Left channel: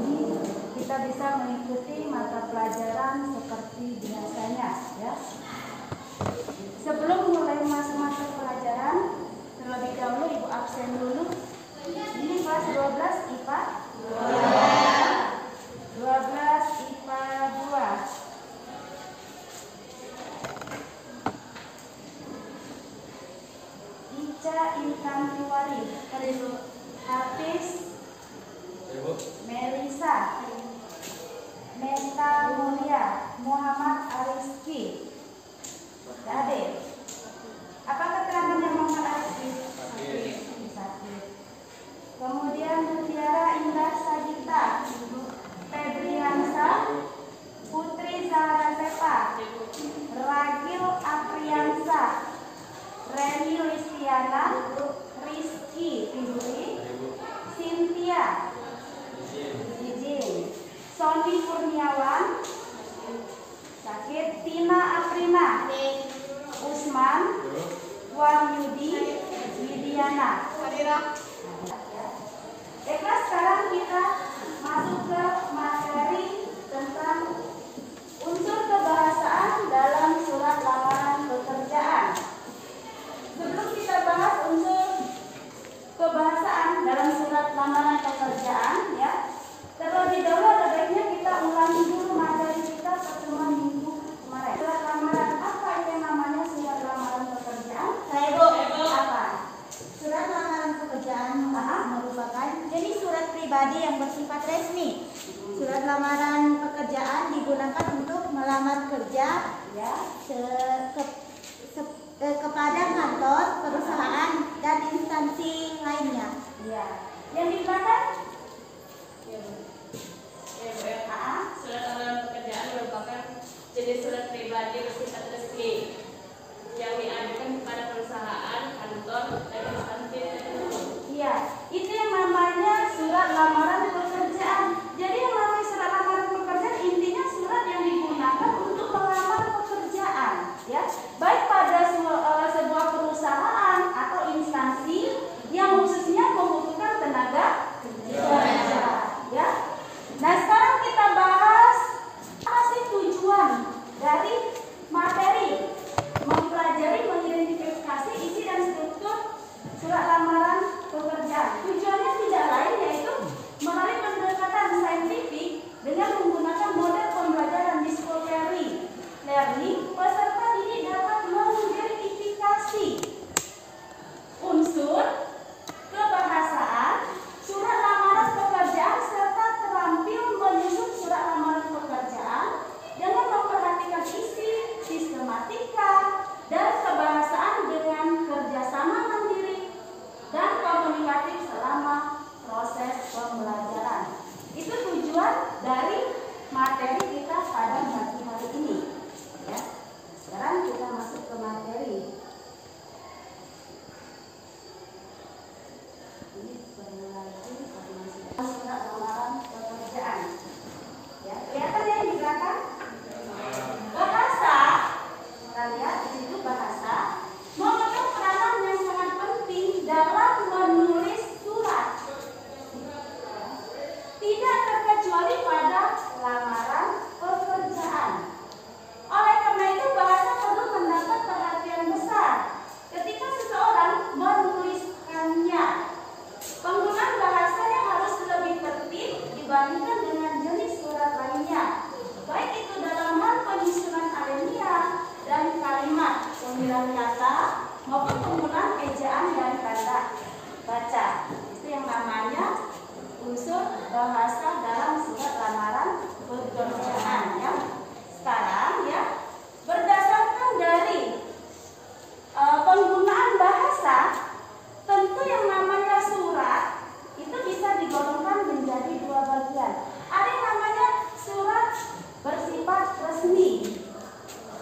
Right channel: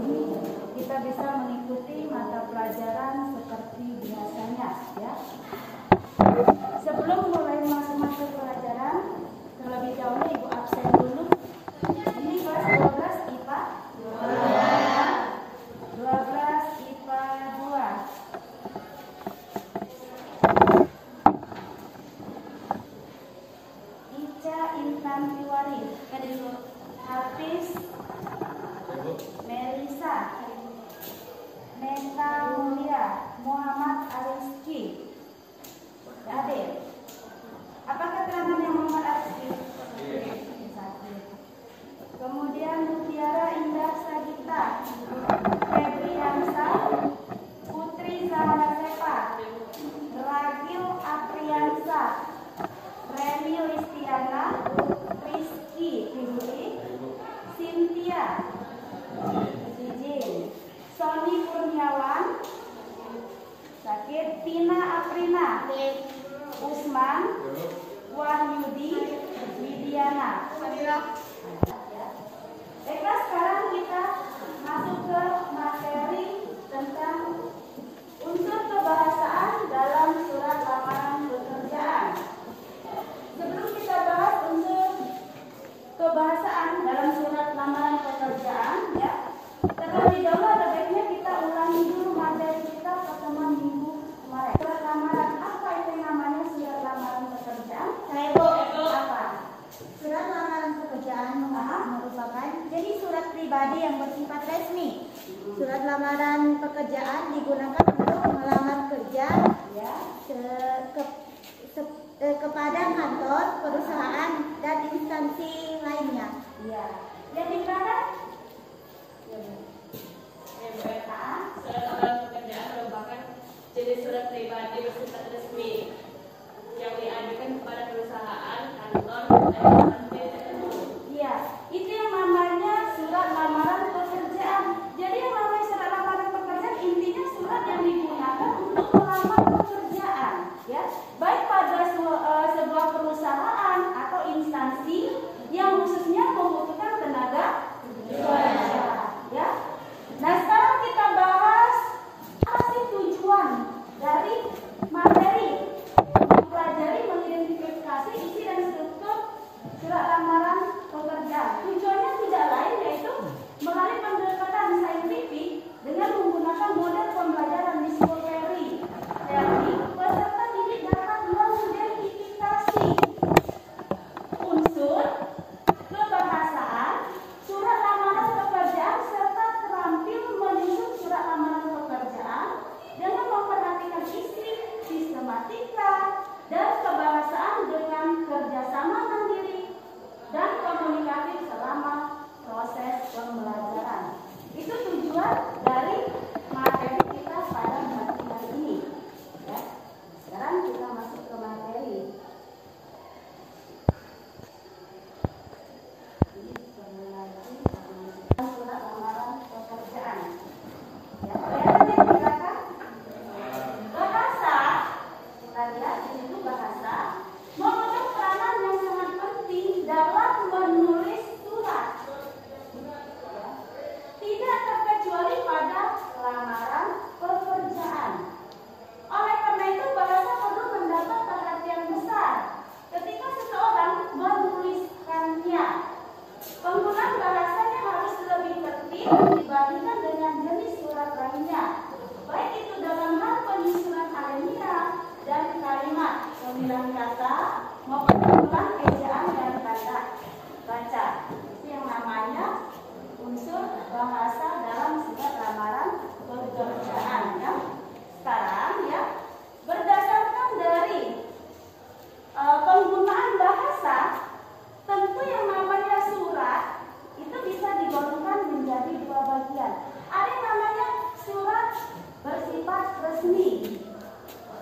Jadi kita bisa mengikuti mata pelajaran seperti biasanya ya. Sebelum mulai masuk mata pelajaran, terlebih dahulu Ibu absen dulu. Ini kelas 12 IPA 12 IPA 2. Infantiwari, Hafiz, Melisa, Meta Mulia, Muhammad Ariski, Hadir. Apa keterangannya Muhammad Ariski? Sakit. Kemudian Lutiara Indah Sagita, Febriansa, Putri Zahra Sepa, Ragil Apriansa, Reni Listiana, Rizky Fibri, Cynthia, Jijin, Sony Kurniawan, sakit, Tina Aprina, Usman, Wahyudi, Widiana. Baiklah, sekarang kita masuk ke materi tentang unsur kebahasaan dalam surat lamaran pekerjaan. Sebelum kita bahas unsur kebahasaan dalam surat lamaran pekerjaan, ya, terlebih dahulu ada baiknya kita ulangi dulu materi kita pertemuan minggu kemarin. Surat lamaran, apa itu namanya surat lamaran pekerjaan? Apa? Surat lamaran pekerjaan merupakan jenis surat pribadi yang bersifat resmi. Surat lamaran pekerjaan digunakan untuk melamar kerja Ya. Kepada kantor, perusahaan, dan instansi lainnya. Iya. Yang di belakang? Surat lamaran pekerjaan merupakan jenis surat pribadi bersifat resmi yang diajukan kepada perusahaan, kantor, dan instansi tertentu. Iya, itu yang namanya surat lamaran pekerjaan. Jadi yang namanya surat lamaran pekerjaan intinya surat yang digunakan untuk melamar pekerjaan, ya, baik pada sebuah perusahaan atau instansi yang khususnya membutuhkan tenaga kerja, ya. Nah, sekarang kita bahas apa sih tujuan dari materi mempelajari, mengidentifikasi isi dan struktur surat lamaran pekerjaan. Tujuannya tidak lain yaitu melalui pendekatan saintifik dengan menggunakan model pembelajaran discovery learning, peserta didik dapat mengidentifikasi unsur kebahasaan surat lamaran pekerjaan serta terampil menyusun surat lamaran pekerjaan dengan memperhatikan isi, sistematika, dan kebahasaan dengan kerjasama mandiri dan komunikatif selama proses pembelajaran. Itu tujuan dari materi kita pada pagi hari ini. Ya. Sekarang kita masuk ke materi. Ini lagi surat lamaran pekerjaan. Ya, kelihatan yang di belakang? Bahasa, kita lihat di situ bahasa memegang peranan yang sangat penting dalam menulis surat. Tidak terkecuali pada lamaran pekerjaan. Oleh karena itu bahasa perlu mendapat perhatian besar ketika seseorang menuliskannya. Penggunaan bahasanya harus lebih tertib dibandingkan dengan jenis surat lainnya, baik itu dalam hal penyusunan alinea dan kalimat, pemilihan kata maupun penggunaan ejaan dan tanda baca. Itu yang namanya unsur bahasa dalam surat lamaran pekerjaan, ya. Sekarang, ya, berdasarkan dari penggunaan bahasa, tentu yang namanya surat itu bisa digolongkan menjadi dua bagian. Ada yang namanya surat bersifat resmi.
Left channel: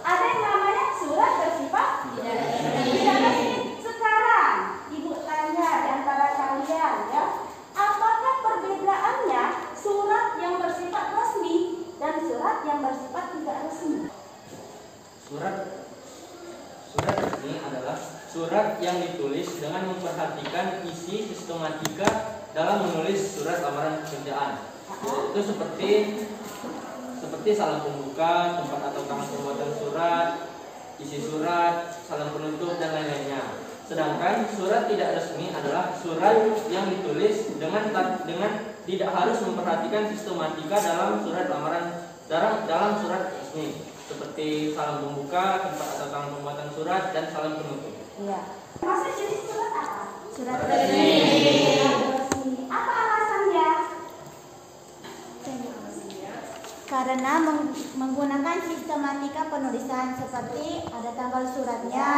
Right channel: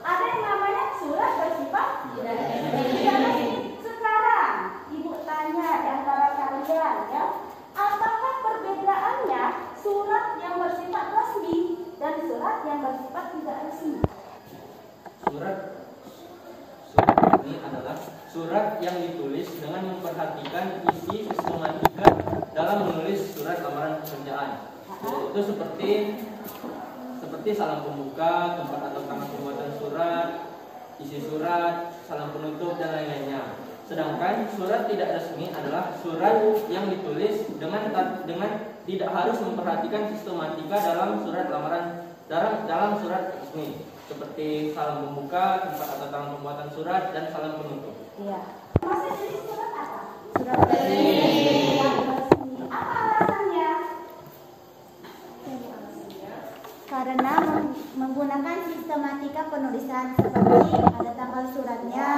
Ada yang namanya surat bersifat tidak resmi. Sekarang Ibu tanya di antara kalian, ya, apakah perbedaannya surat yang bersifat resmi dan surat yang bersifat tidak resmi? Surat ini adalah surat yang ditulis dengan memperhatikan isi, sistematika, dalam menulis surat lamaran pekerjaan. Itu seperti salam pembuka, tempat atau tanggal pembuatan surat, isi surat, salam penutup dan lain-lainnya. Sedangkan surat tidak resmi adalah surat yang ditulis dengan tidak harus memperhatikan sistematika dalam surat lamaran dalam surat resmi, seperti salam pembuka, tempat atau tanggal pembuatan surat dan salam penutup. Iya. Maksud jenis surat apa? Surat resmi. Apa alasannya? Karena menggunakan sistematika penulisan seperti ada tanggal suratnya,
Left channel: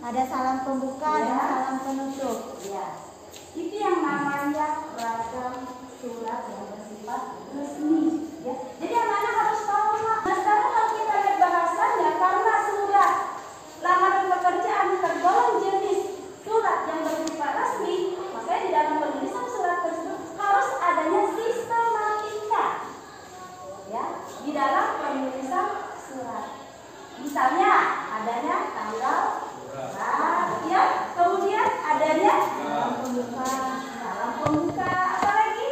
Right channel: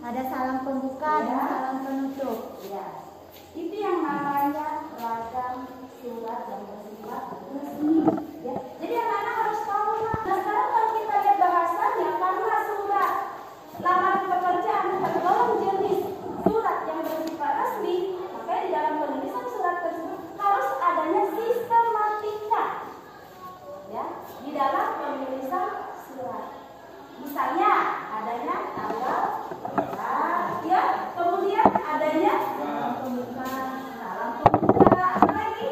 ada salam pembuka dan salam penutup. Ya, itu yang namanya ragam surat yang bersifat resmi. Ya, jadi anak-anak harus tahu. Nah, sekarang kalau kita lihat bahasanya, karena surat lamaran pekerjaan tergolong jenis surat yang bersifat resmi, maka di dalam penulisan surat tersebut harus adanya sistematika. Ya, di dalam penulisan surat. Misalnya adanya tanggal, ya, kemudian adanya salam pembuka, apa lagi?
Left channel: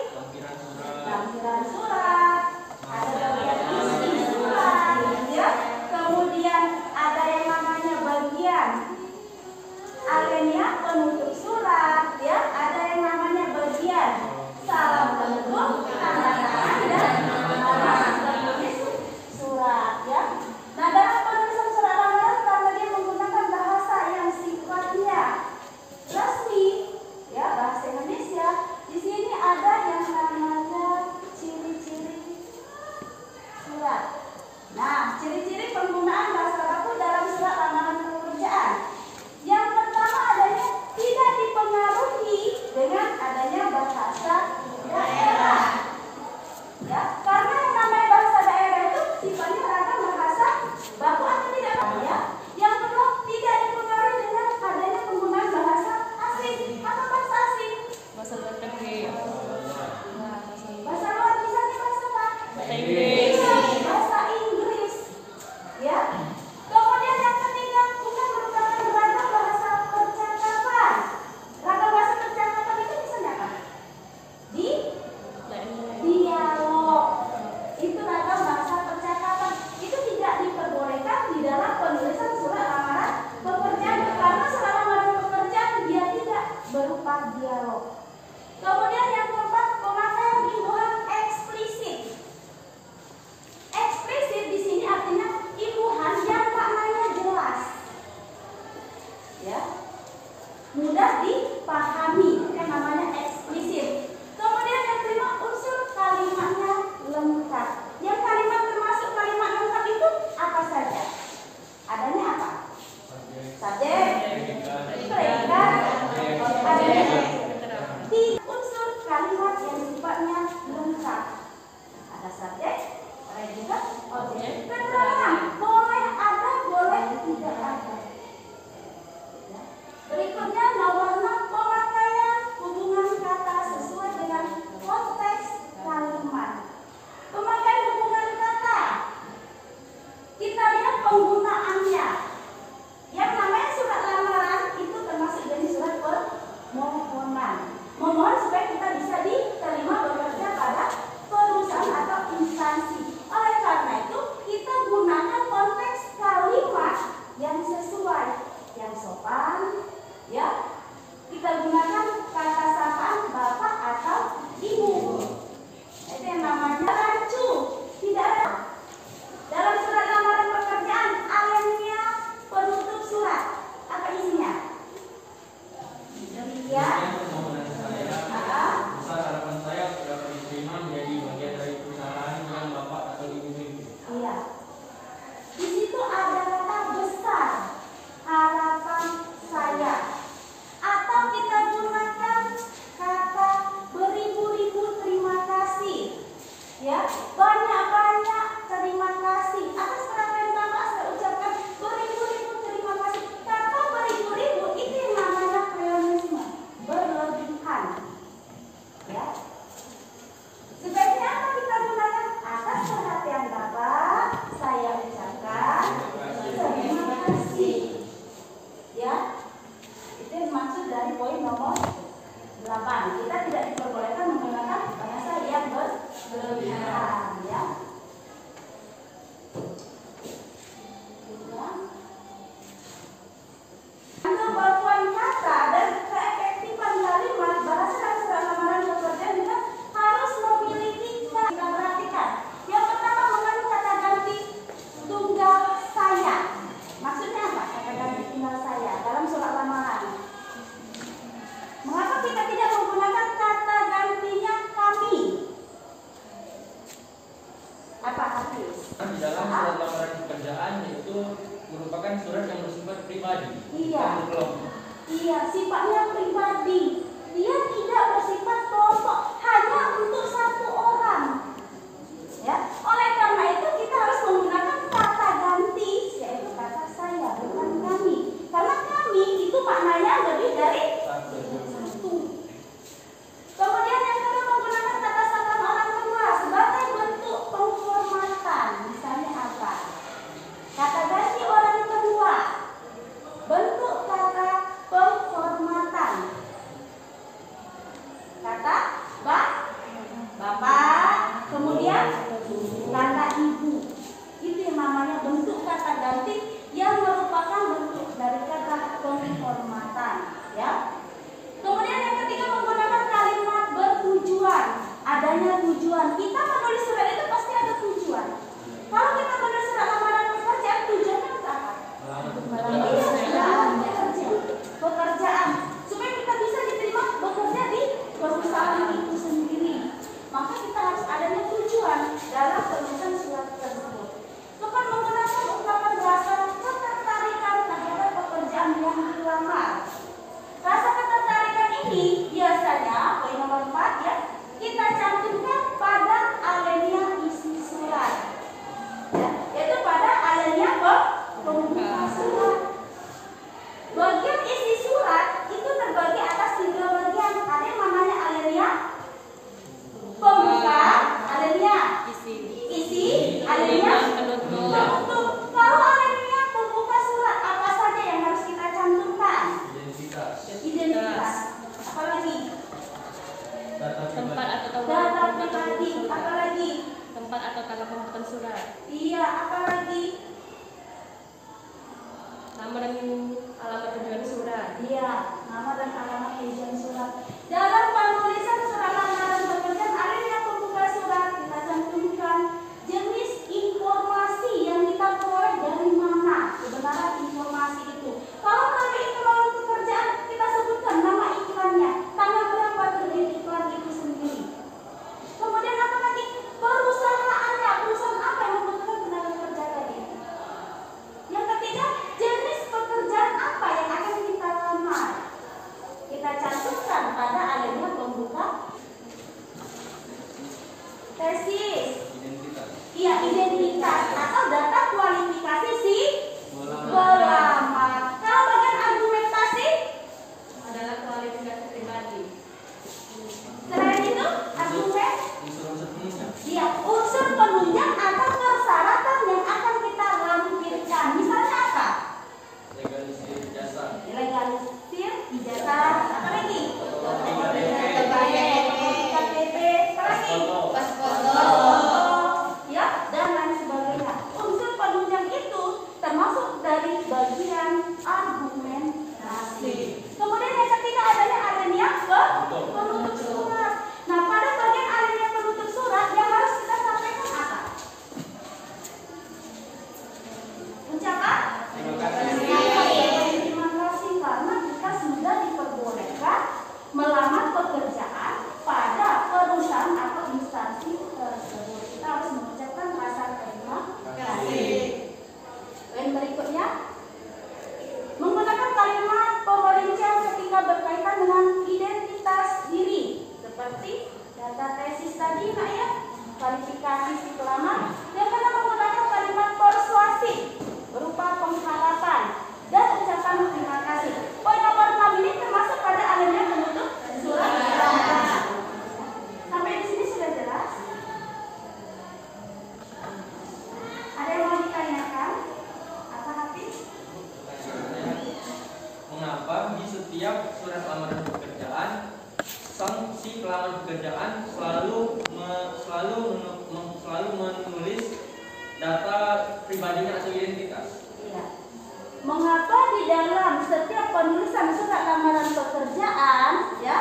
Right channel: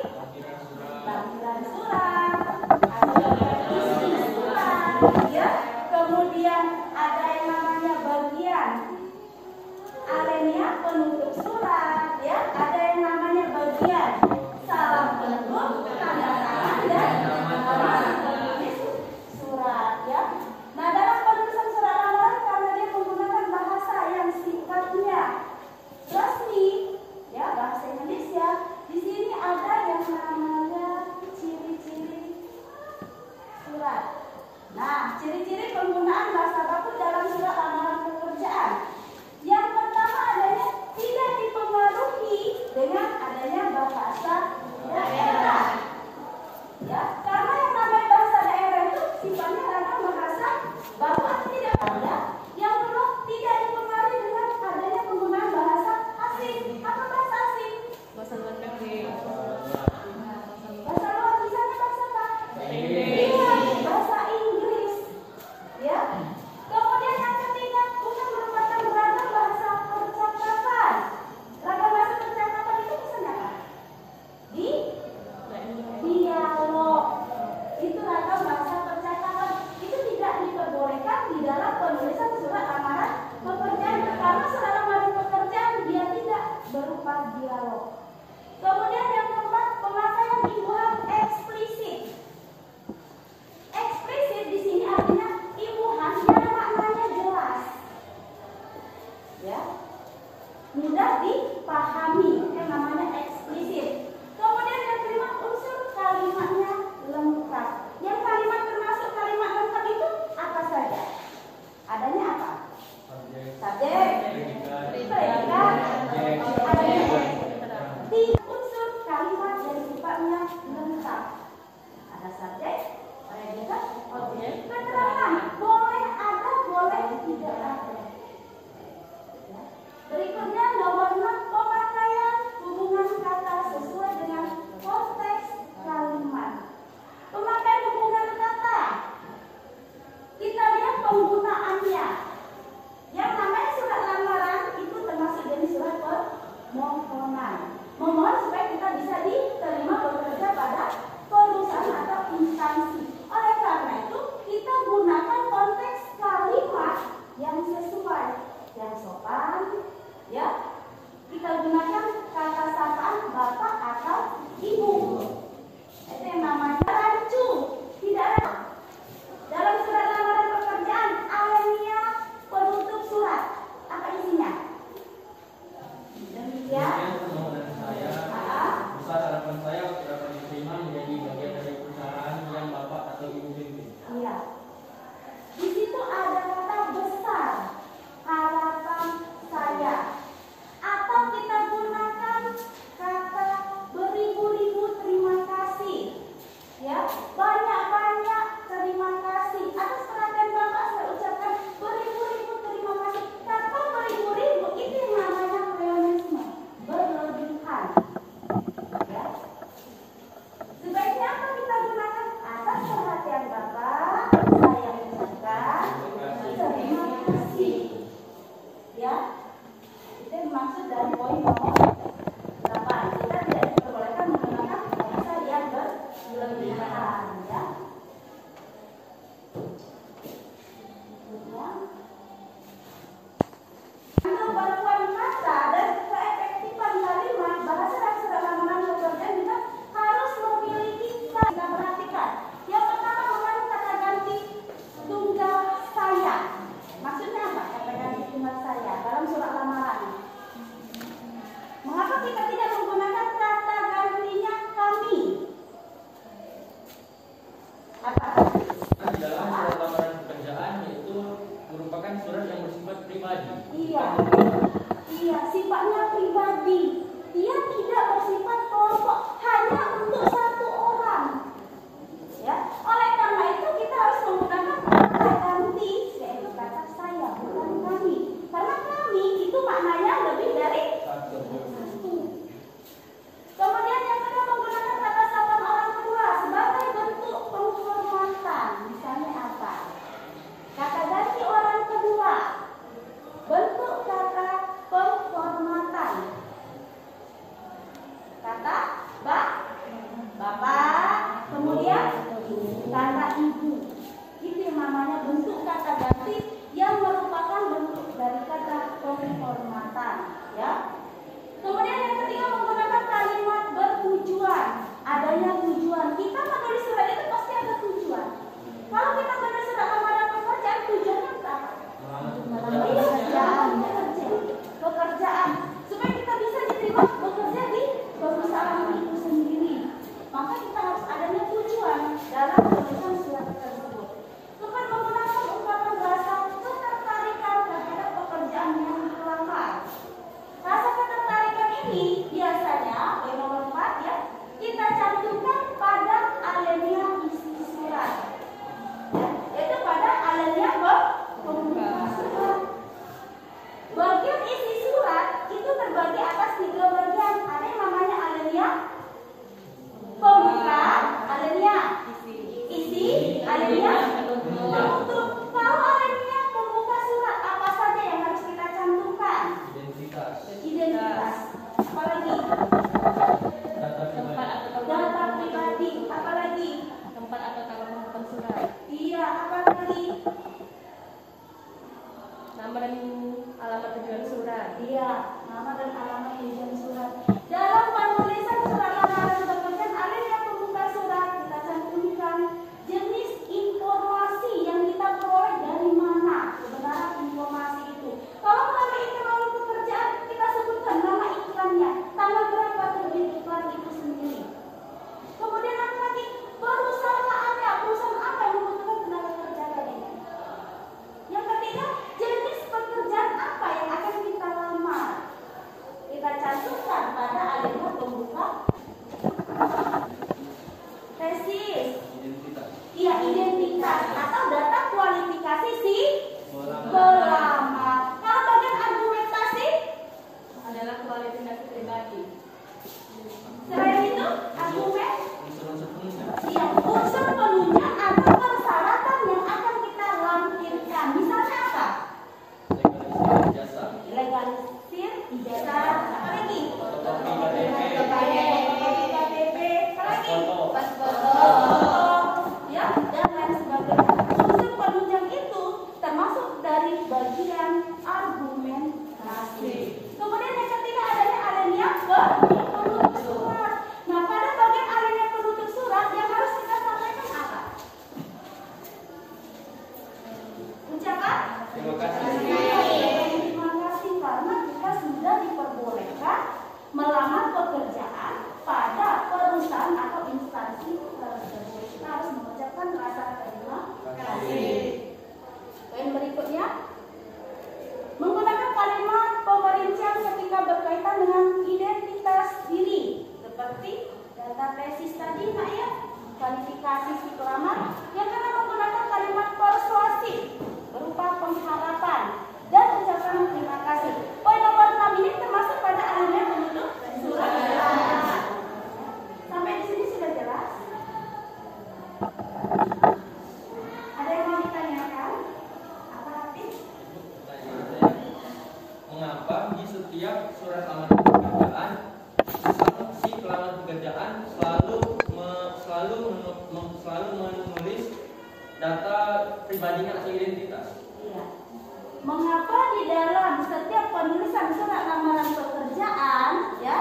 Lampiran surat, ada isi surat, ya. Kemudian ada yang namanya bagian alinea penutup surat, ya. Ada yang namanya bagian salam penutup, tanda tangan dan alas penulis surat, ya. Nah, dalam penulisan surat lamaran karena dia menggunakan bahasa yang sifatnya resmi, ya, bahasa Indonesia, di sini ada yang namanya ciri-ciri surat. Nah, ciri-ciri penggunaan bahasa baku dalam surat lamaran pekerjaan. Yang pertama adanya tidak dipengaruhi dengan adanya bahasa daerah. Ya, karena yang namanya bahasa daerah itu sifatnya ragam bahasa baku atau tidak, ya. Yang kedua tidak dipengaruhi dengan adanya penggunaan bahasa asing atau bahasa asing. Bahasa luar negeri. Bahasa luar misalnya bahasa apa? Inggris. Iya, bahasa Inggris. Ya. Kemudian yang ketiga bukan merupakan ragam bahasa percakapan. Ragam bahasa percakapan itu misalnya apa? Dialog. Itu ragam bahasa percakapan. Itu tidak diperbolehkan di dalam penulisan surat lamaran pekerjaan karena surat lamaran pekerjaan dia tidak berupa dialog. Kemudian yang keempat, pemakaian imbuhan eksplisit. Eksplisit di sini artinya imbuhan yang maknanya jelas, ya, mudah dipahami, yang namanya eksplisit. Kemudian yang kelima, unsur kalimatnya lengkap. Yang kalimat termasuk kalimat lengkap itu apa saja? Adanya apa? Subjek, predikat, adanya unsur kalimat yang sifatnya lengkap. Ada subjek, predikat, objek, keterangan. Boleh ada, boleh tidak ada. Ya. Berikutnya nomor 6, pemakaian hubungan kata sesuai dengan konteks kalimat. Pemakaian hubungan kata, kita lihat penggunaannya. Yang namanya surat lamaran itu termasuk jenis surat permohonan. Memohon supaya kita bisa diterima bekerja pada perusahaan atau instansi. Oleh karena itu kita gunakan konteks kalimat yang sesuai, yang sopan, ya. Kita gunakan kata sapaan bapak atau ibu. Itu yang namanya rancu. Tidak ada dalam surat lamaran pekerjaan alinea penutup surat. Apa isinya? Demikian. Permohonan saya, besar harapan saya untuk dapat diterima menjadi bagian dari perusahaan yang bapak atau ibu pimpin. Iya. Di situ ada kata besar harapan saya. Atau kita gunakan kata beribu-ribu terima kasih. Ya, banyak-banyak terima kasih atas perhatian Bapak. Saya ucapkan beribu-ribu terima kasih. Kata beribu-ribu itu yang namanya kreonisme, berlebihan. Ya. Sebaiknya apa kita gunakan? Atas perhatian Bapak, saya ucapkan terima kasih. Ya, itu maksud dari poin nomor 8. Kita tidak diperbolehkan merupakan surat yang bersifat pribadi. Iya. Bukan Iya, sifatnya pribadi. Dia tidak bersifat kelompok, hanya untuk satu orang. Ya, oleh karena itu kita harus menggunakan kata ganti, yaitu kata saya, bukan kami. Karena kami itu maknanya lebih dari satu. satu. Kemudian yang kedua menggunakan kata sapaan orang kedua sebagai bentuk penghormatan. Misalnya apa? Kata ganti orang kedua, bentuk kata penghormatan. Kata bapak, kemudian kata ibu. Itu yang namanya bentuk kata ganti yang merupakan bentuk dari kata penghormatan, ya. Kemudian yang ketiga menggunakan kalimat bertujuan, adanya tujuan. Kita menulis surat itu pasti ada tujuan. Kalau kita menulis surat lamaran pekerjaan, tujuannya untuk apa? Pekerjaan supaya kita bisa diterima bekerja di perusahaan itu sendiri. Maka kita harus adanya tujuan dalam penulisan surat tersebut. Bukan menggunakan ungkapan rasa ketertarikan terhadap pekerjaan yang dilamar. Rasa ketertarikan ini biasanya poin nomor 4 ya, kita cantumkan pada alinea isi surat. Ya, yaitu pada alinea pembuka surat. Bagian isi surat itu terbagi atas 3 bagian. Ada yang namanya alinea pembuka, alinea isi, alinea penutup. Kalau alinea pembuka surat apa saja yang harus kita cantumkan? Identitas. Apalagi? Data pribadi. Apalagi? Tempat atau tanggal pembukaan surat. Iya, apalagi? Nama dan alamat tujuan surat. Iya, nama dan alamat tujuan surat. Dalam penulisan surat lamaran pekerjaan, alinea pembuka surat kita cantumkan jenis informasi yang kita peroleh dari mana kebenaran informasi itu. Kalau melalui iklan pekerjaan, kita sebutkan nama iklannya, tanggal berapa terbit iklan itu sendiri. Kemudian apa lagi? Perusahaannya, perusahaan apa yang membutuhkan tenaga kerja tadi. Yang ketiga, jenis pekerjaan apa yang akan kita lamar. Kita cantumkan pada alinea pembuka tesis. Iya, identitas atau data kualifikasi si pelamar. Kalau bagian argumentasi Adalah kualifikasi pribadi. selain itu argumen, unsur-unsur penunjang. iya, unsur penunjang atau persyaratan yang akan kita lampirkan. Misalnya apa? Legalisir jasa. Legalisir ijazah. Apa lagi? KTP. Apa lagi? Ya, dan lain sebagainya. Unsur penunjang itu termasuk dari bagian argumentasi. Kemudian yang ketiga adanya alinea penutup surat. Nah, pada bagian alinea penutup surat yang harus kita sampaikan apa? Ucapan Terima kasih. terima kasih karena kita sudah diperbolehkan melamar pekerjaan pada perusahaan atau instansi tersebut. Kita harus mengucapkan rasa terima kasih. Poin berikutnya menggunakan kalimat pemerincian ketika berkaitan dengan identitas diri seperti data tesis tadi, Nak ya, kualifikasi si pelamar. Yang kedua menggunakan kalimat persuasif berupa pengharapan dan ucapan terima kasih. Poin nomor 6 ini termasuk pada alinea penutup surat. Sampai di sini sudah jelas? Ada yang mau ditanyakan? Apa hati? Mengapa di setiap surat lamaran pekerjaan si pelamar pekerjaan selalu menulis data pribadinya atau identitas? Iya. Mengapa di dalam setiap penulisan surat lamaran pekerjaan ya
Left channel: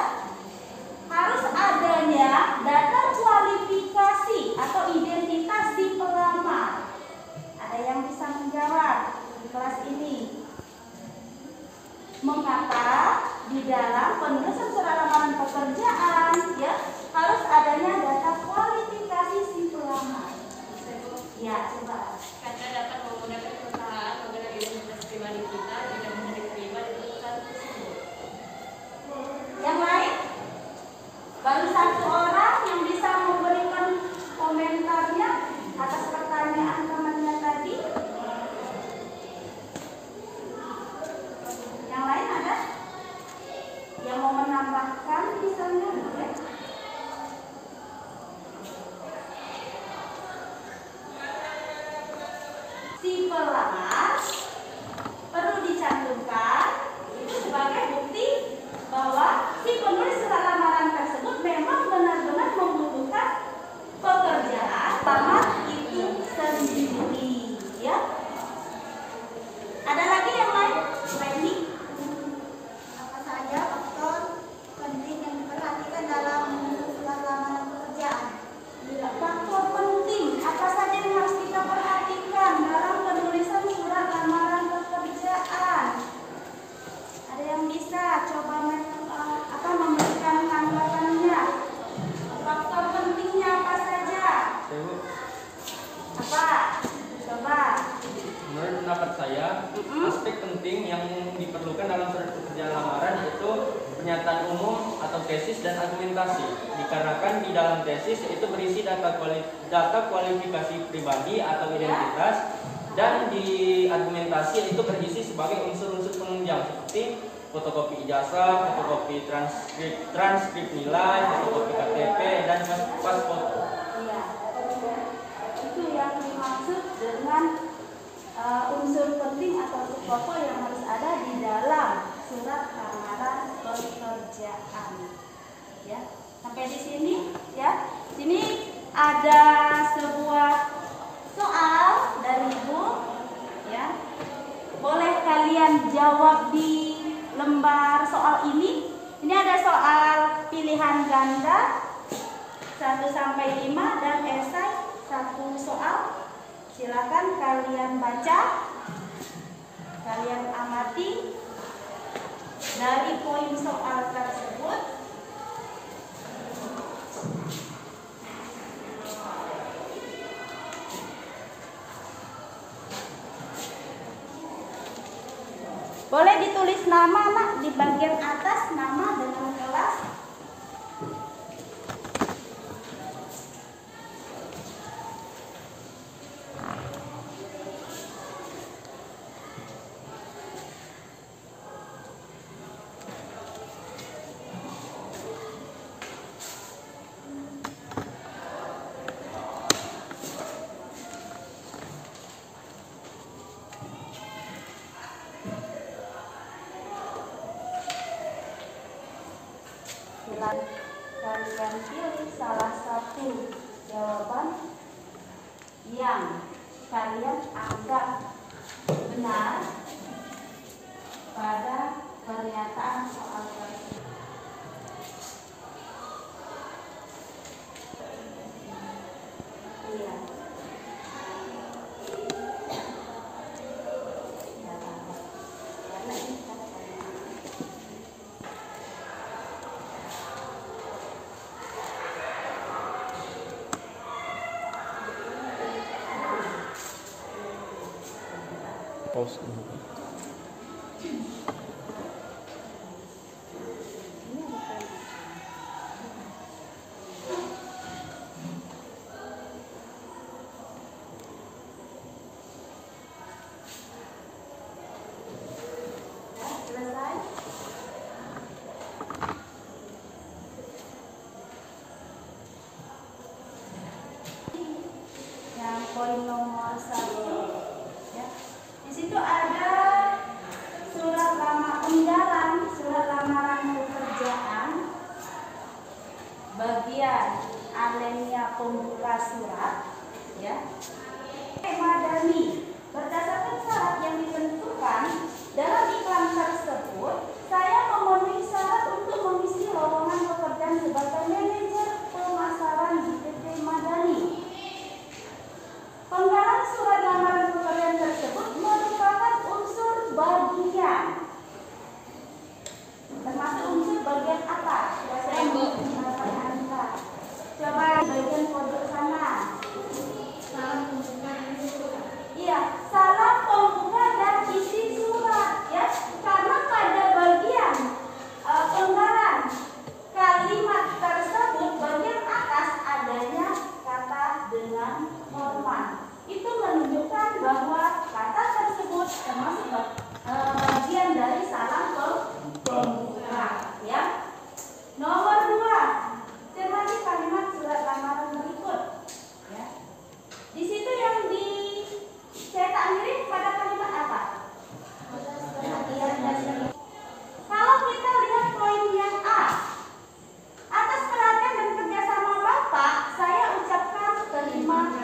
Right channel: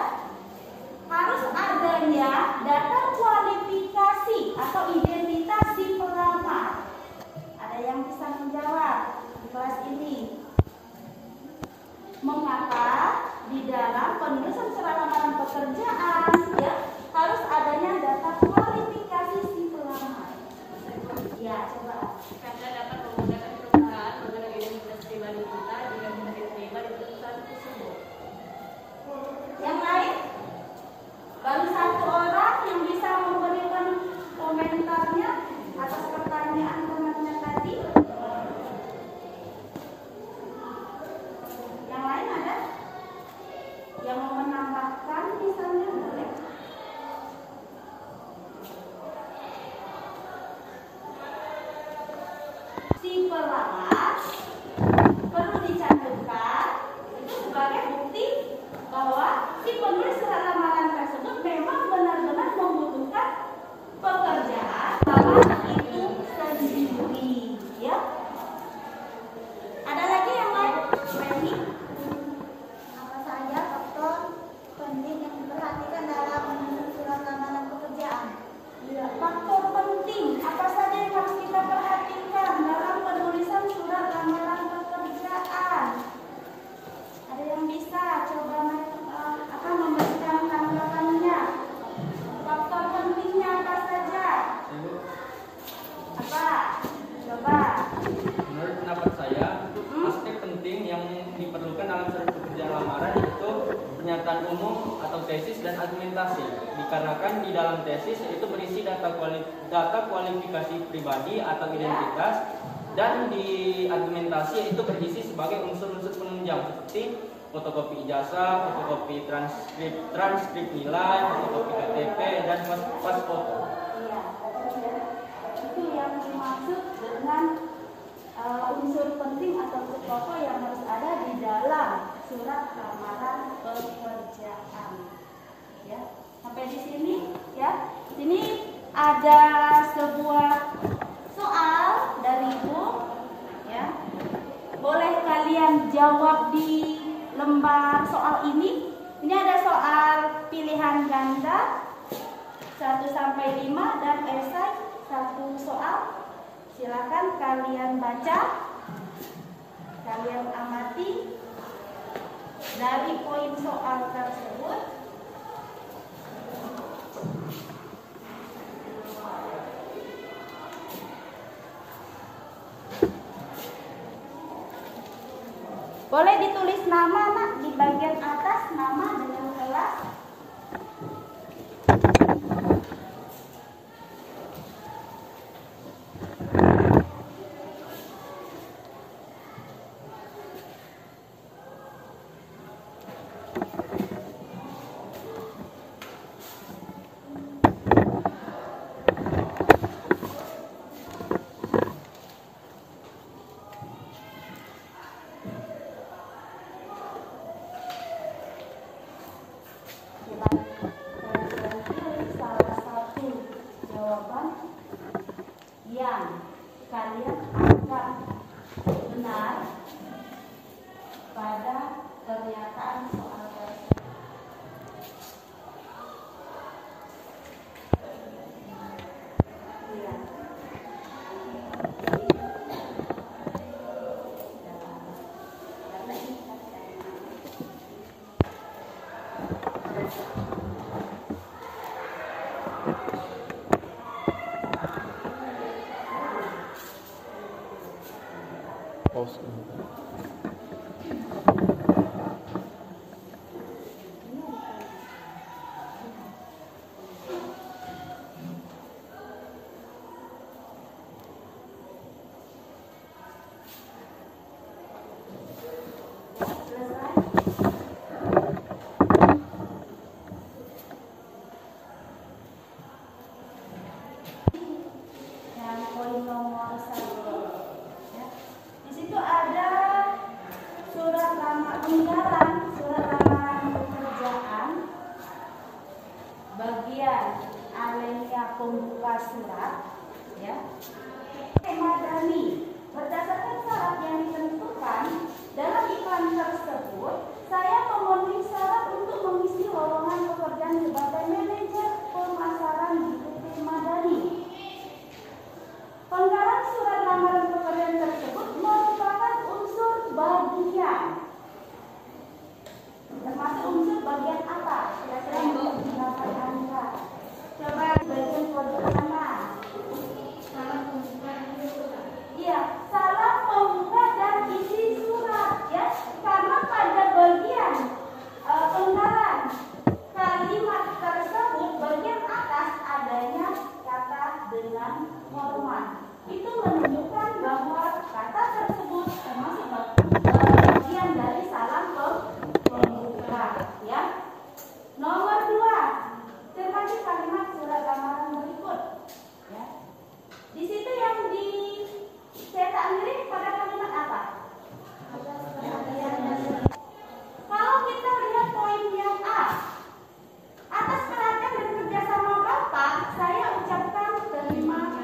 harus adanya data kualifikasi atau identitas si pelamar? Ada yang bisa menjawab di kelas ini? Mengapa di dalam penulisan surat lamaran pekerjaan ya harus adanya data kualifikasi si pelamar? Ya, coba. Karena dapat memudahkan perusahaan mengenai lapangan itu sendiri, ya. Ada lagi yang lain? Ini Apa saja faktor penting yang diperhatikan dalam surat lamaran pekerjaan? ya, faktor penting apa saja yang harus kita perhatikan dalam penulisan surat lamaran pekerjaan? Ada yang bisa coba memberikan tanggapannya? Faktor pentingnya apa saja? Ibu, Apa? Coba. menurut pendapat saya, aspek penting yang diperlukan dalam surat pekerjaan lamaran yaitu pernyataan umum atau tesis dan argumentasi. Dikarenakan di dalam tesis itu berisi data kualifikasi pribadi atau identitas, dan di argumentasi itu berisi sebagai unsur-unsur penunjang seperti fotokopi ijazah, fotokopi transkrip nilai, fotokopi KTP, dan pas foto. Iya. Itu yang dimaksud dengan unsur penting atau pokok yang harus ada di dalam surat lamaran pekerjaan. Ya, sampai di sini ya. Sini ada sebuah soal dari Ibu, ya. Boleh kalian jawab di lembar soal ini. Ini ada soal pilihan ganda 1 sampai 5 dan esai 1 soal. Silakan kalian baca, kalian amati dari poin soal tersebut. Boleh ditulis nama, Nak, di bagian atas nama dengan kelas. Kalian pilih salah satu jawaban yang kalian anggap benar pada pernyataan soal tersebut. Iya. Pause. Selesai. Yang poin nomor 1, ya. Di situ ada surat lamaran pekerjaan bagian alinea pembuka surat, ya. Madani, berdasarkan syarat yang ditentukan dalam iklan tersebut, saya memenuhi syarat untuk mengisi lowongan pekerjaan sebagai manajer pemasaran di PT Madani. Penggalan surat lamaran pekerjaan tersebut merupakan unsur bagian. Termasuk unsur bagian apa? Saya menggunakan Anda. Coba bagian pojok kanan. Iya, salam pembuka dan isi surat, ya. Karena pada bagian penggalan kalimat tersebut bagian atas adanya kata dengan hormat. Itu menunjukkan bahwa kata tersebut termasuk bagian dari salam pembuka, ya. Nomor 2, cermati kalimat surat lamaran berikut, ya. Di situ yang dicetak mirip pada kalimat apa? Kalau kita lihat poin yang A, atas perhatian dan kerjasama Bapak, saya ucapkan terima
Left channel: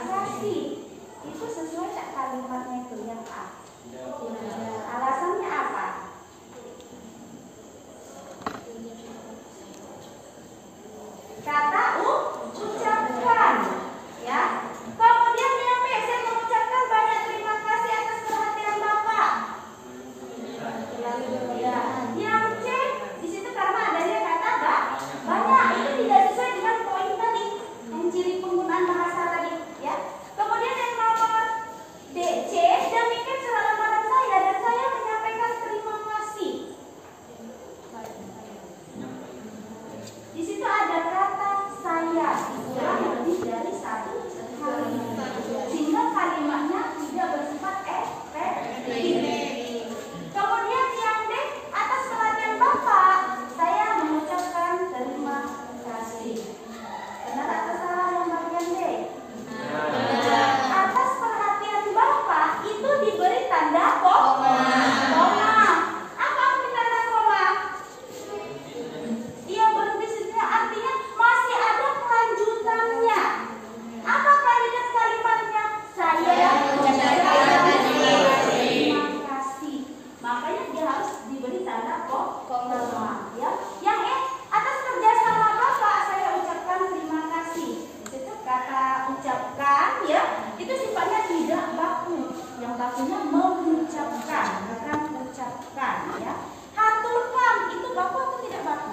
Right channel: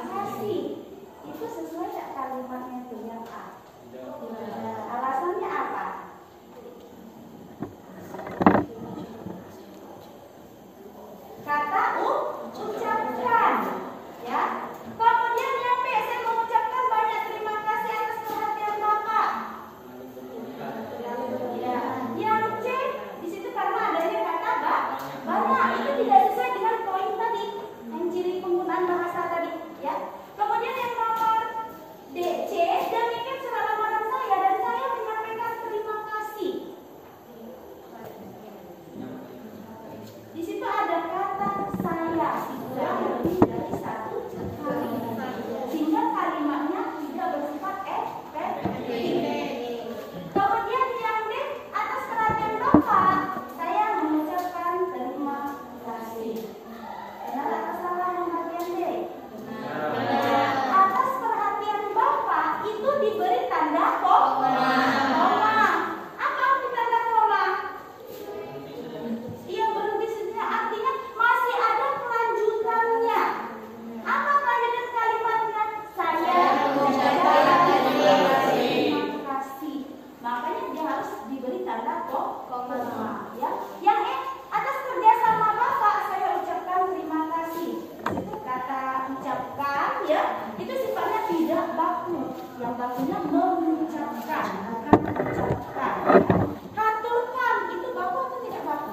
ya, itu sifatnya tidak baku. Yang bakunya mengucapkan, bukan mengucapkan. Ya. Haturkan itu baku atau tidak baku?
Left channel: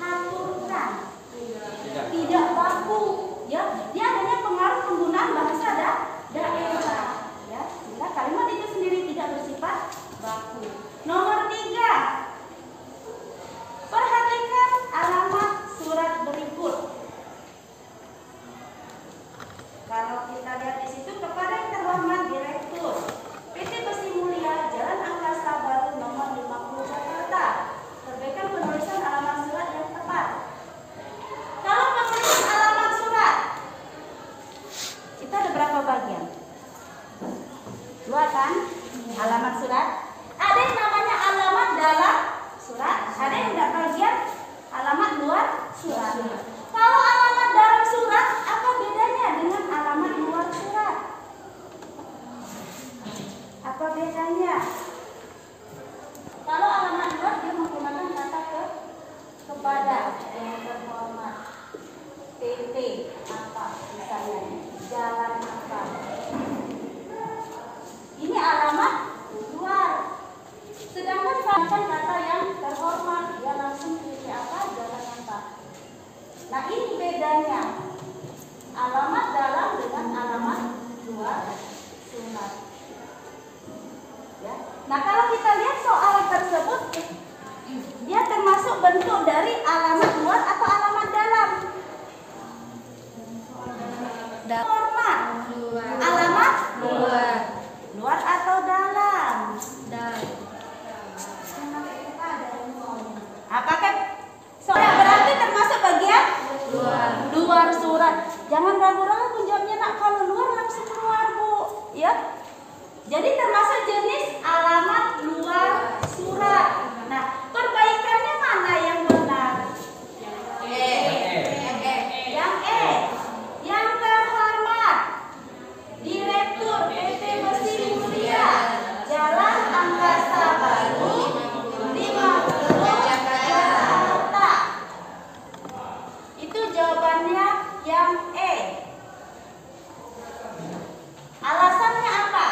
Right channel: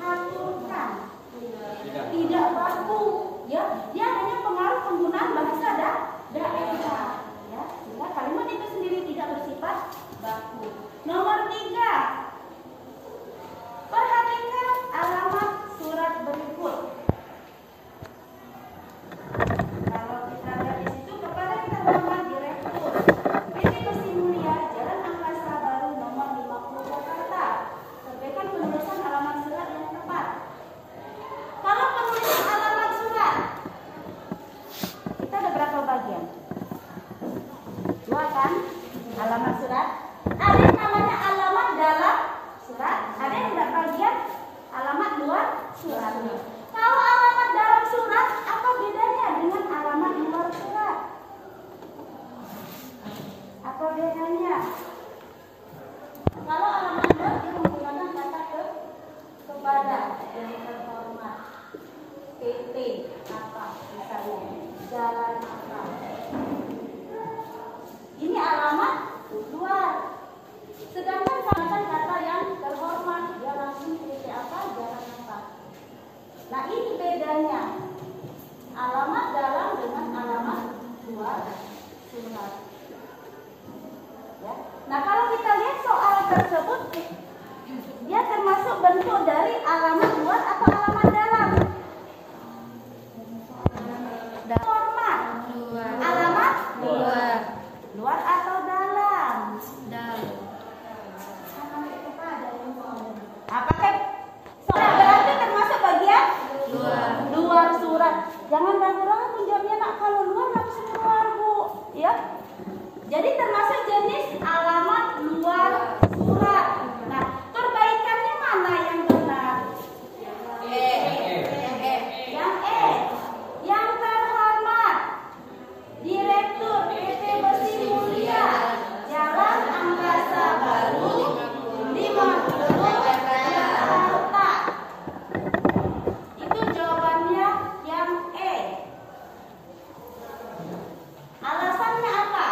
Haturkan tidak baku. Ya, dia adanya pengaruh penggunaan bahasa daerah. Ya, sehingga kalimat itu sendiri tidak bersifat baku. Nomor 3. Perhatikan alamat surat berikut. Kalau kita lihat di situ, kepada yang terhormat Direktur PT Besi Mulia Jalan Angkasa Baru nomor 50 Jakarta, terbitkan penulisan alamat surat yang tepat. Kalau penulisan alamat surat, kita ada berapa bagian? 2 kan? Alamat surat. Ada yang namanya alamat dalam surat, ada yang enggak bagian alamat luar surat. Kalau alamat dalam surat, apa bedanya dengan alamat luar surat? Apa bedanya? Kalau alamat luar dia menggunakan kata kepada yang terhormat, PT apa misalnya, jalan apa. Ini alamat luar. Sedangkan kalau kata yang terhormat, dia langsung PT apa, jalan apa. Nah ini bedanya alamat dalam dengan alamat luar surat. Ya. Nah kalau kita lihat soal tersebut, dia termasuk bentuk dari alamat luar atau alamat dalam? Hormat. Alamat luar. Luar atau dalam? Dalam. Apakah soalnya berarti termasuk bagian luar surat? Jangan ragu-ragu jawabnya nak, kalau luar langsung keluar Bu, ya. Jadi termasuk jenis alamat luar surat. Nah, perbaikannya mana yang benar? Yang E. Yang terhormat Direktur PT Besi Mulia Jalan Angkasa Baru 50 Jakarta. Itu jawabannya yang E. Alasannya apa?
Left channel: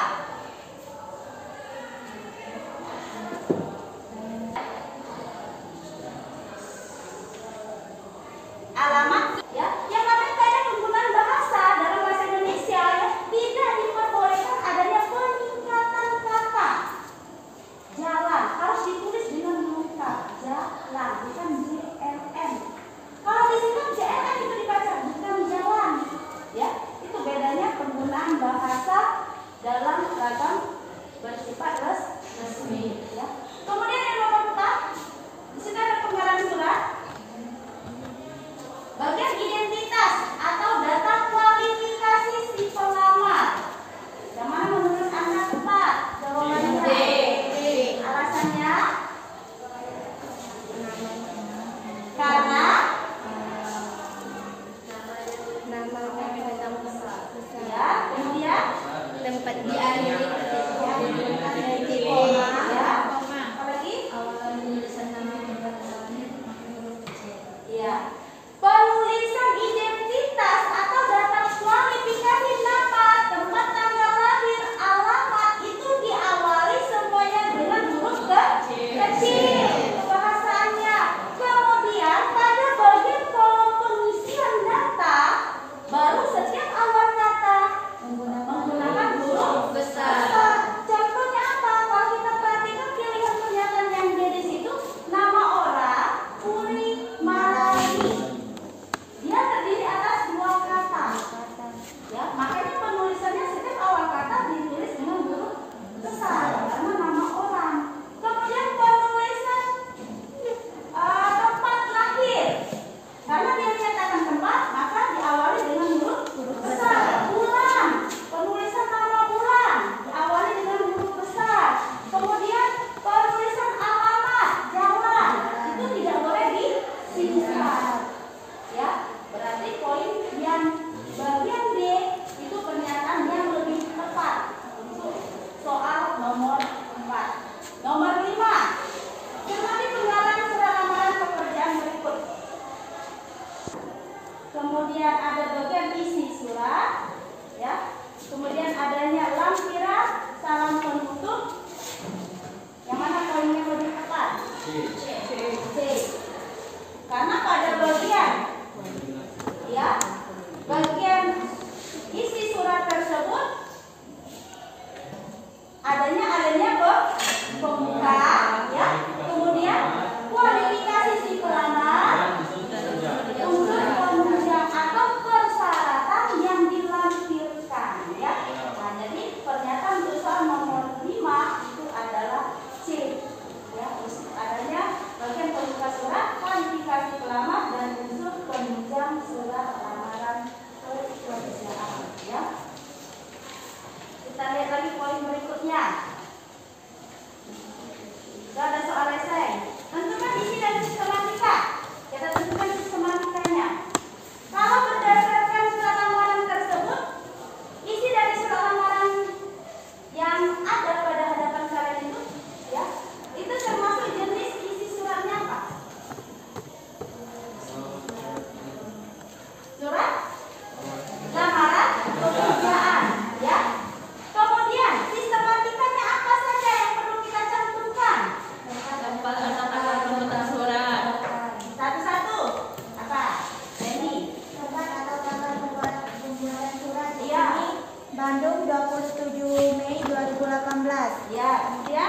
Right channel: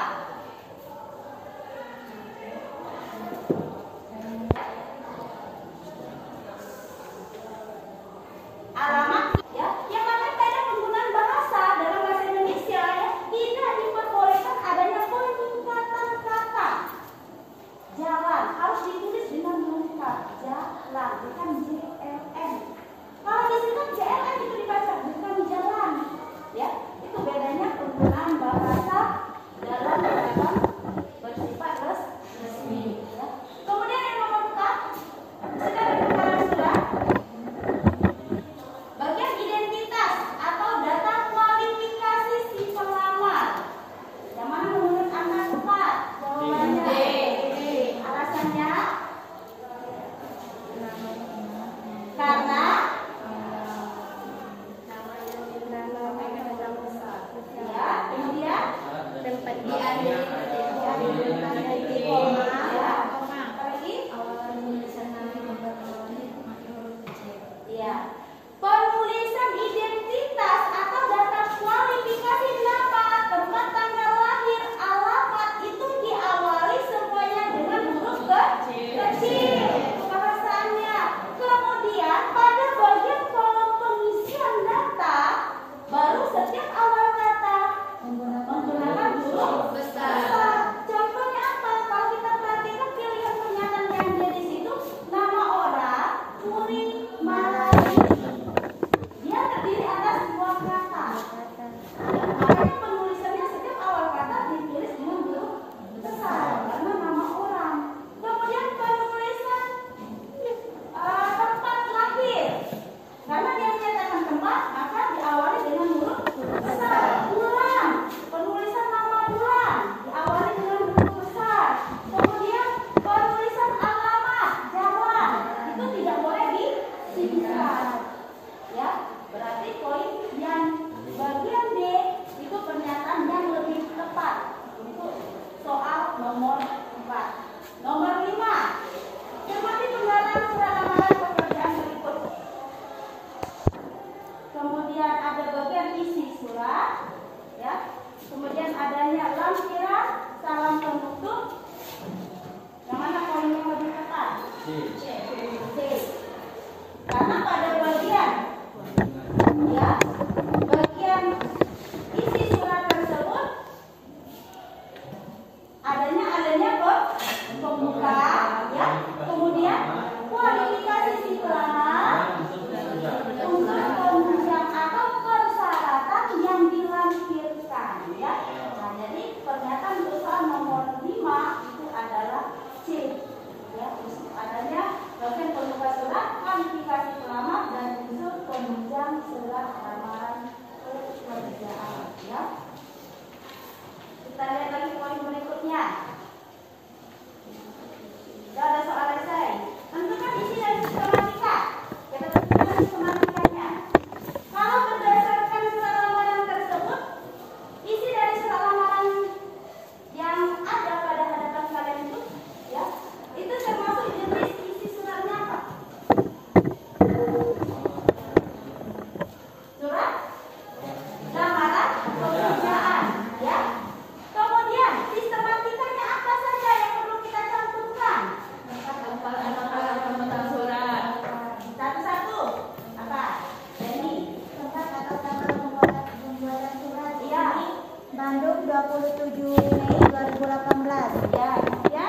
Bandung 27 Mei 2018. Ya, kemudian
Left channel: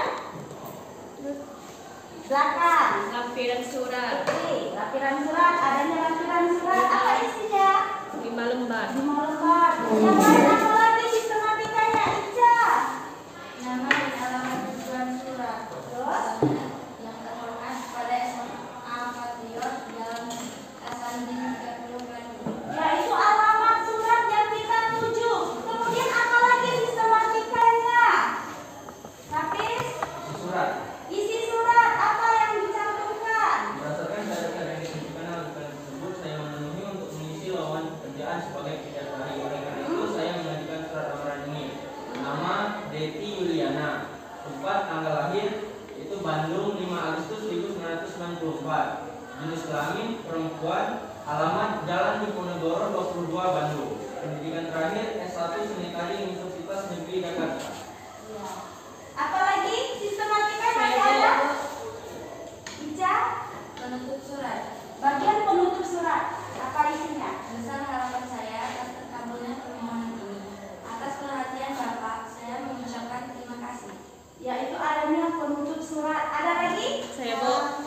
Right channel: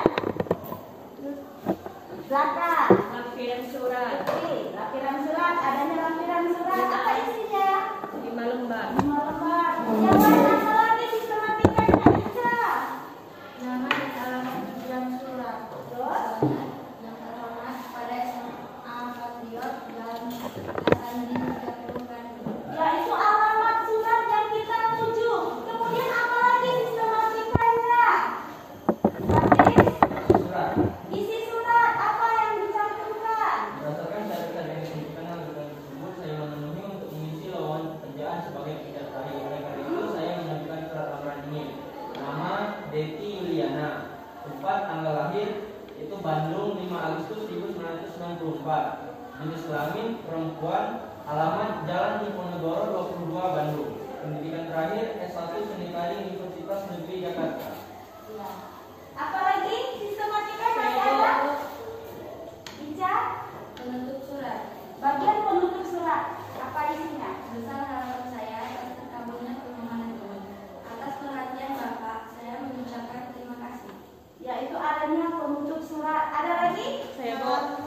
belakang. Lampiran surat Oke, lampiran surat, adanya lampiran surat. Apa isinya? 5 lembar. 5 lembar. Yang lain apa lagi sistematikanya? Ica. Nama dan alamat tujuan surat. Terus? Yang terhormat pada SMA Patriot Jalan Asandi 30 Bandung. Ya, itu alamat surat yang kita tuju. Kemudian apa lagi sistematikanya? Hafiz? Surat. Isi surat apa yang dicantumkan? Berdasarkan catatan yang diberikan dalam lampiran tersebut, saya memenuhi untuk mengisi lowongan pekerjaan sebagai pekerja terakhir. Oleh karena itu, saya mengajukan surat lamaran ini. Nama Deti Yuliana, tempat tanggal lahir itu Bandung 5 Agustus 1994. Jenis kelamin perempuan, alamat Jalan Diponegoro 22 Bandung. Pendidikan terakhir S1 Seni Tari Universitas Negeri Jakarta. Ya. Apa lagi sistematika masih ada? Ica? Penutup surat. Bagian penutup surat. Apa isinya? Besar harapan saya atas terkabulnya permohonan ini. Atas perhatian Bapak, saya mengucapkan terima kasih. Ya, itu adanya penutup surat. Ada lagi? Saya mau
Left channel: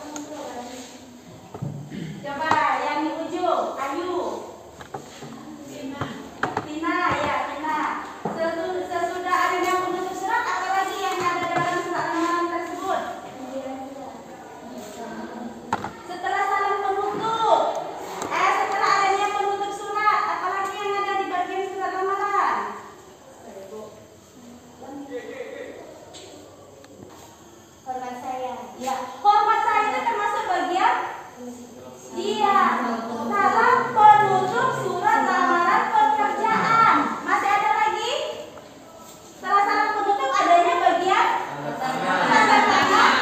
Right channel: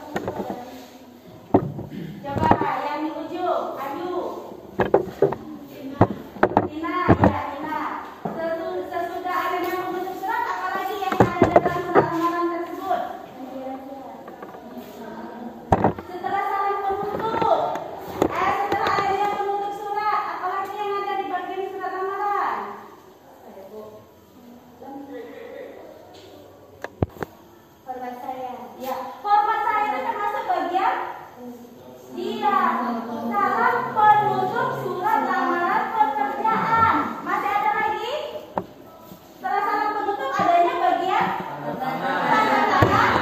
Coba yang di ujung, Ayu. Tina, ya Tina. Sesudah adanya penutup surat, apa lagi yang ada dalam surat lamaran tersebut? Setelah saling penutup, setelah adanya penutup surat, apa lagi yang ada di bagian surat lamaran? Hormat saya. Ya, hormat saya itu termasuk bagian. Iya, salam penutup surat lamaran pekerjaan. Masih ada lagi? Setelah salam penutup adanya bagian tanda tangan.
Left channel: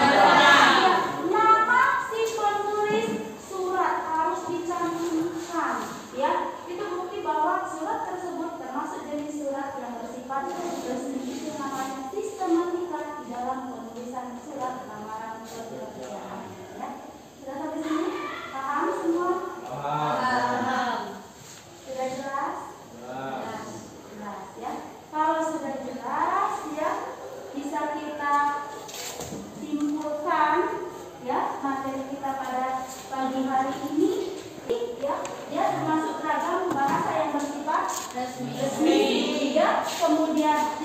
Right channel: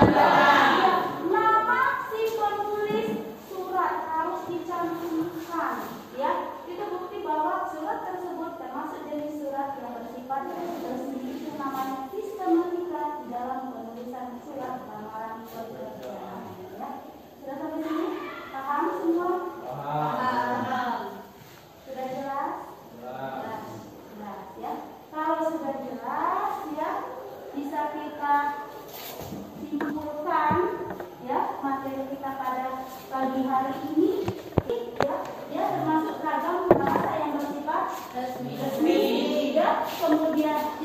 Iya, nama si penulis surat harus dicantumkan. Ya, itu bukti bahwa surat tersebut termasuk jenis surat yang bersifat resmi. Itu namanya sistematika di dalam penulisan surat lamaran pekerjaan. Ya. Sudah sampai sini? Paham semua? Sudah jelas? Jelas ya. Kalau sudah jelas ya, bisa kita simpulkan ya materi kita pada pagi hari ini. Ya, dia termasuk ragam bahasa yang bersifat resmi. Ya, kemudian